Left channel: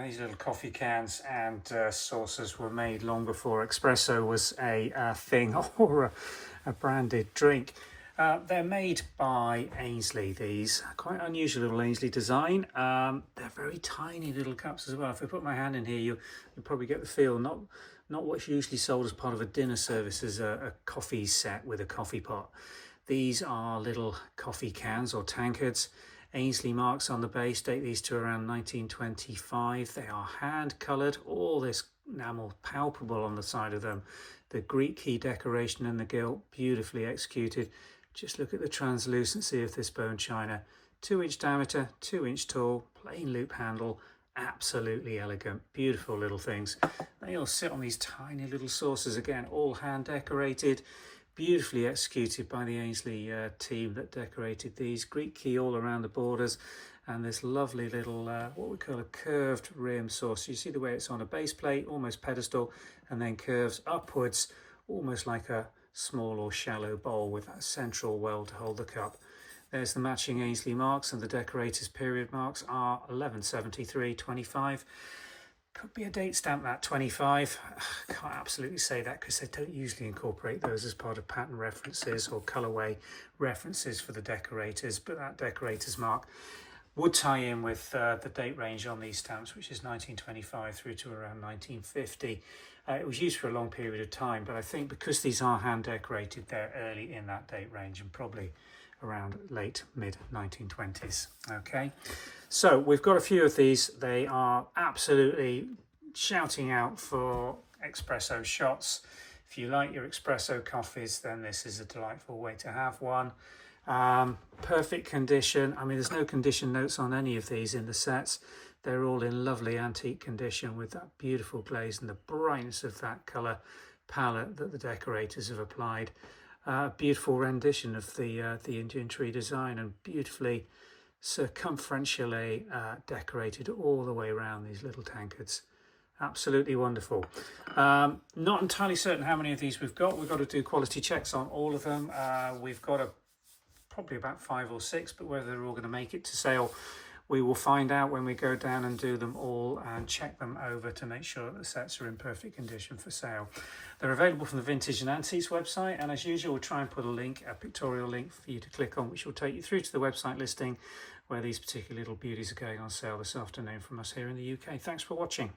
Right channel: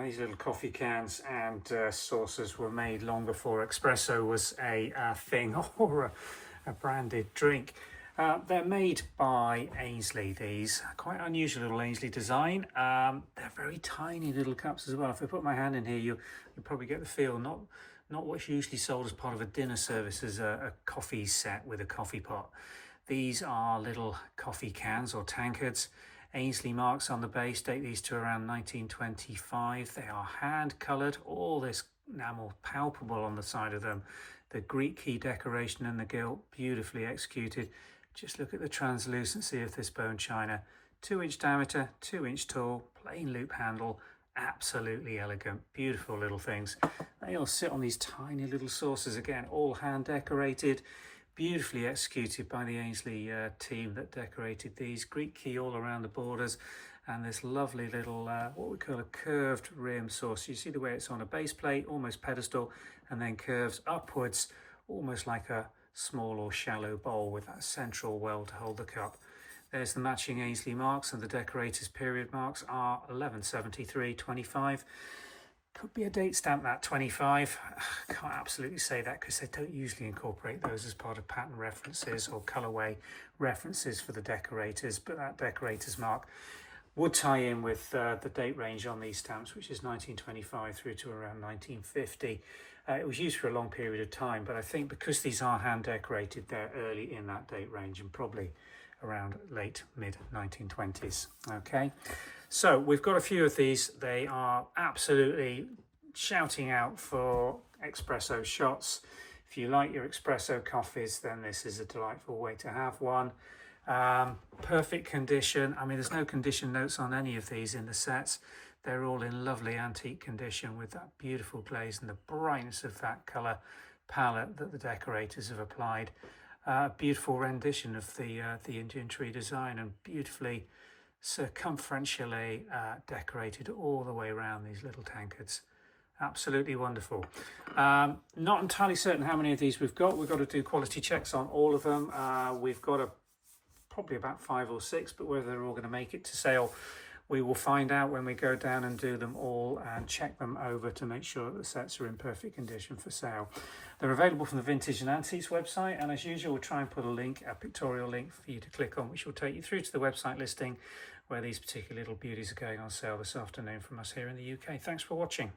These little coffee cans and saucers were made long before espresso was a thing or a branded drink. They're made by Aynsley, these. Quite unusual little Aynsley design. They're very tiny little cups as well. If I put my hand in here, you'll probably get the feel. Not what's usually sold as part of a dinner service as a coffee set with a coffee pot. These are little coffee cans or tankards. Aynsley marks on the base date these to around 1925. They are hand coloured, all this enamel palpable on the side of them. The Greek key decoration and the gilt, beautifully executed. Just look at the translucency of this bone china. 2-inch diameter, 2-inch tall, plain loop handle, absolutely elegant, beautiful little things. They all sit on these tiny little saucers, again, all hand decorated. Beautifully executed by the Aynsley team that decorated these. Greek key all around the borders, and this lovely little what we call a curved rim saucer. You see the way it's on a base plate, almost pedestal, and then curves upwards, almost like a small or shallow bowl with that central well to hold the cup. There's the matching Aynsley marks, and the Decorators period marks are 1173-25. Could be a date stamp, that 25. Can't absolutely say that because they don't usually incorporate those as part of pattern references or colourway references for the Decorators, but that Decorators mark would tie in with the date range on these stamps, which is 1925 through to around 1950. It was used for a long period of time, but I think because these are hand decorated, they're early in that date range and probably around late mid 1920s. Okay, so we've got a few of these. They are absolutely shouting out for espresso shots. If you like your espresso coffees, then this is a delightful way to have one. Perfect condition. I mean, there's no condition notes on any of these in the sets. They're all in lovely antique condition with that beautiful glaze and the brightness of that colour palette that the Decorators have applied. Beautiful rendition of the Indian tree design, and beautifully circumferentially decorated all the way around these little tankards. Absolutely wonderful. Not entirely certain how many of these we've got. We've got to do quality checks on all of them. We've got probably about 5 or 6, but whether they're all going to make it to sale, we will find out when we go down and do them all and check them over to make sure that the sets are in perfect condition for sale. They're available from the Vintage and Antiques website, and as usual, we'll try and put a pictorial link for you to click on, which will take you through to the website listing where these particular little beauties are going on sale this afternoon from us here in the UK. Thanks for watching.